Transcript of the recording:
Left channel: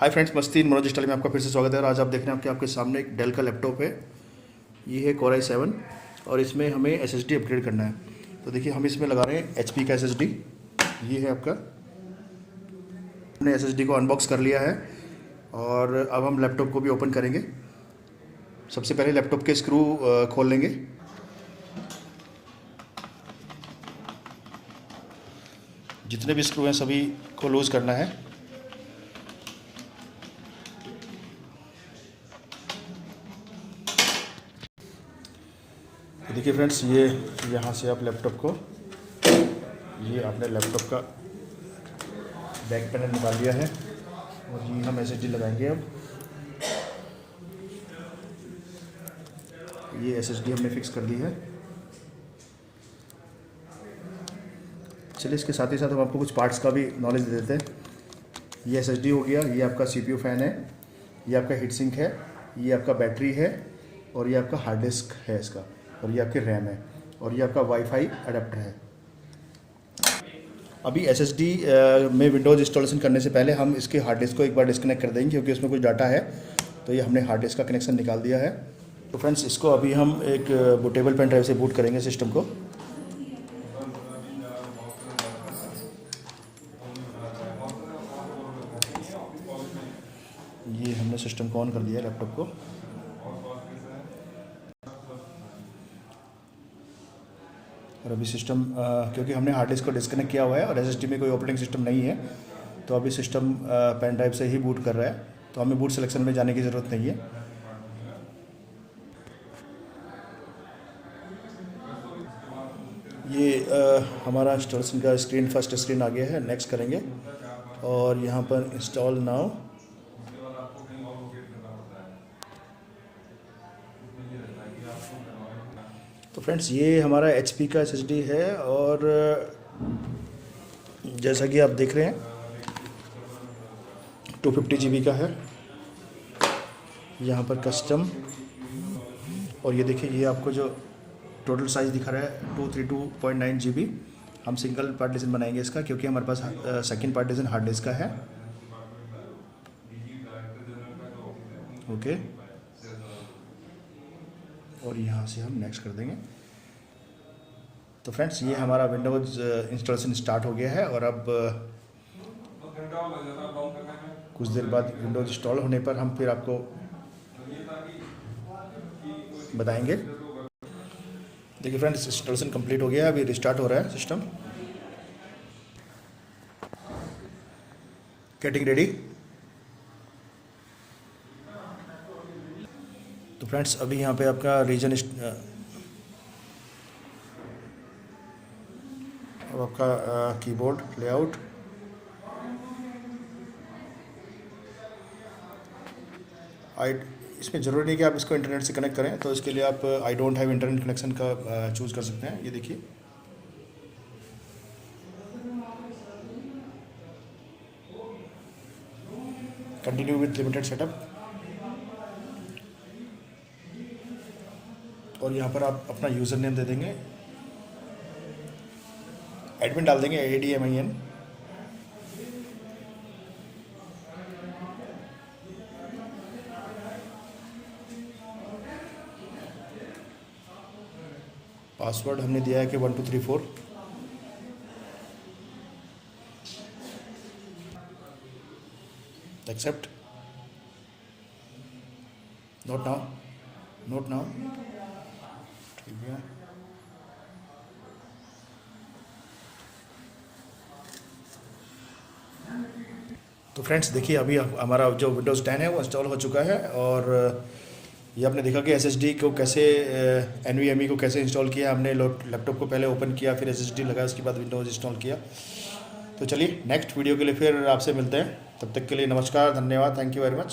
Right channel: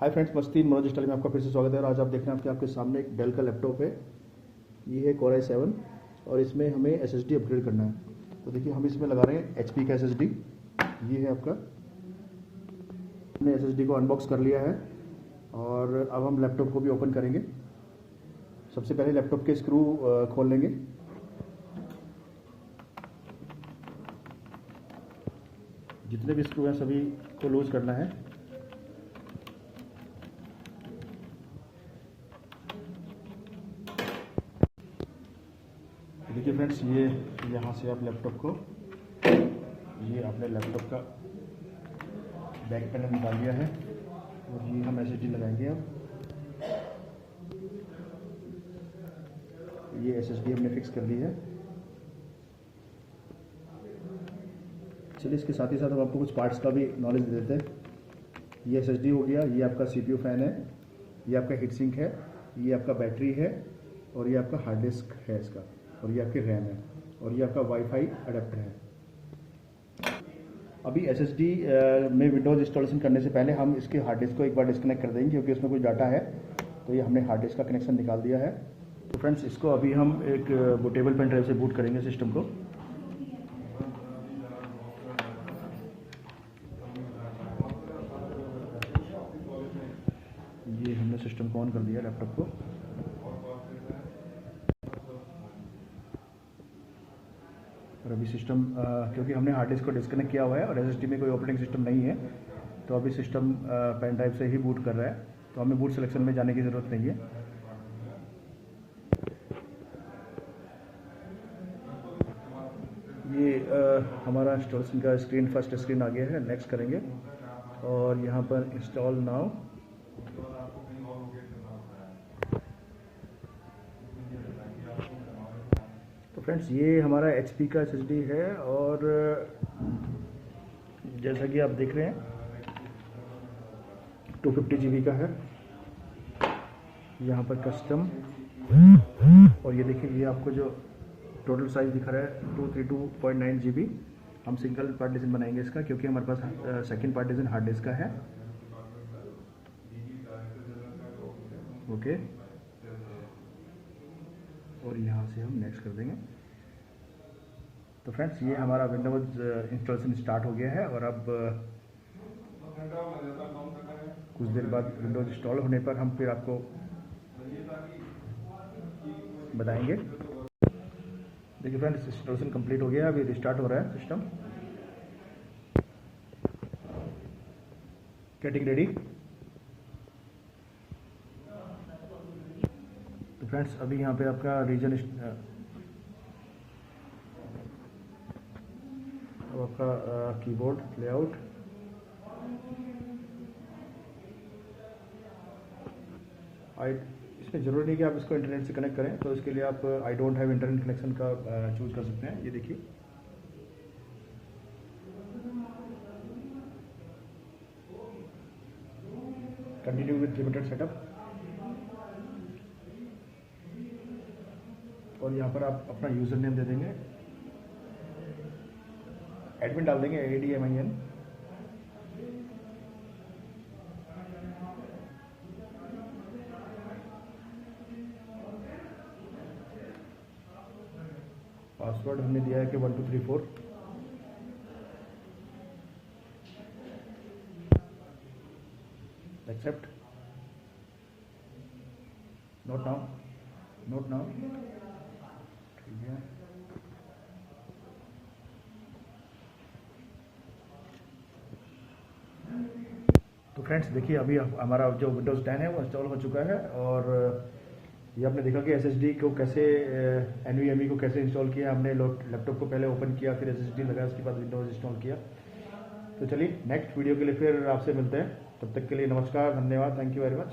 Hi friends, मस्ती Manoj style में आपका फिर से स्वागत है। और आज आप देख रहे हैं आपके सामने एक डेल का लैपटॉप है। ये है Core i7 और इसमें हमें SSD अपग्रेड करना है। तो देखिए, हम इसमें लगा रहे हैं HP का SSD। ये है आपका, हमने SSD को अनबॉक्स कर लिया है और अब हम लैपटॉप को भी ओपन करेंगे। सबसे पहले लैपटॉप के स्क्रू खोल लेंगे। जितने भी स्क्रू हैं सभी को लूज़ करना है। देखिए फ्रेंड्स, ये यहाँ से आप लैपटॉप को, ये आपने लैपटॉप का बैक पैनल निकाल लिया है और ये हम SSD लगाएंगे। अब ये SSD हमने फिक्स कर दी है। चलिए, इसके साथ ही साथ हम आपको कुछ पार्ट्स का भी नॉलेज दे देते हैं। ये SSD हो गया, ये आपका CPU फैन है, ये आपका हीट सिंक है, ये आपका बैटरी है और ये आपका हार्ड डिस्क है इसका, और ये आपकी रैम है और ये आपका वाईफाई अडेप्टर है। अभी SSD में विंडोज़ इंस्टॉलेशन करने से पहले हम इसके हार्ड डिस्क को एक बार डिस्कनेक्ट कर देंगे, क्योंकि उसमें कुछ डाटा है। तो ये हमने हार्ड डिस्क का कनेक्शन निकाल दिया है। तो फ्रेंड्स, इसको अभी हम एक बूटेबल पेन ड्राइव से बूट करेंगे सिस्टम को। ये हमने सिस्टम को ऑन कर दिया लैपटॉप को। और अभी सिस्टम, क्योंकि हमने हार्ड डिस्क को डिस्कनेक्ट किया हुआ है और SSD में कोई ऑपरेटिंग सिस्टम नहीं है, तो अभी सिस्टम पेन ड्राइव से ही बूट कर रहा है। तो हमें बूट सिलेक्शन में जाने की ज़रूरत नहीं है। ये हमारा इंस्टॉलेशन का स्क्रीन, फर्स्ट स्क्रीन आ गया है। नेक्स्ट करेंगे और यहाँ पर इंस्टॉल नाउ। तो फ्रेंड्स, ये हमारा HP का SSD है और जैसा कि आप देख रहे हैं 250 GB का है। यहाँ पर कस्टम, और ये देखिए, ये आपको जो टोटल साइज़ दिखा रहा है 232.9 GB। हम सिंगल पार्टीशन बनाएंगे इसका, क्योंकि हमारे पास सेकंड पार्टीशन हार्ड डिस्क का है। ओके, और यहाँ से हम नेक्स्ट कर देंगे। तो फ्रेंड्स, ये हमारा विंडोज़ इंस्टॉलेशन स्टार्ट हो गया है और अब कुछ देर बाद विंडोज़ इंस्टॉल होने पर हम फिर आपको बताएंगे। देखिए फ्रेंड्स, इंस्टॉलेशन कंप्लीट हो गया है। अभी रिस्टार्ट हो रहा है सिस्टम। Getting ready. तो फ्रेंड्स, अभी यहाँ पे आपका रीजन, अब आपका कीबोर्ड लेआउट, इसमें ज़रूरी नहीं कि आप इसको इंटरनेट से कनेक्ट करें, तो इसके लिए आप I don't have internet connection का चूज़ कर सकते हैं। ये देखिए, कंटिन्यू विद लिमिटेड सेटअप, और यहाँ पर आप अपना यूज़र नेम दे देंगे, एडमिन डाल देंगे, ADMIN। पासवर्ड हमने दिया है कि 1234। Except, note now, note now. ठीक है, तो फ्रेंड्स देखिए, अभी हमारा जो विंडोज़ 10 है वो इंस्टॉल हो चुका है। और ये आपने देखा कि SSD को कैसे, NVMe को कैसे इंस्टॉल किया। हमने लैपटॉप को पहले ओपन किया, फिर SSD लगाया, उसके बाद विंडोज़ इंस्टॉल किया। तो चलिए, नेक्स्ट वीडियो के लिए फिर आपसे मिलते हैं। तब तक के लिए नमस्कार, धन्यवाद, थैंक यू वेरी मच।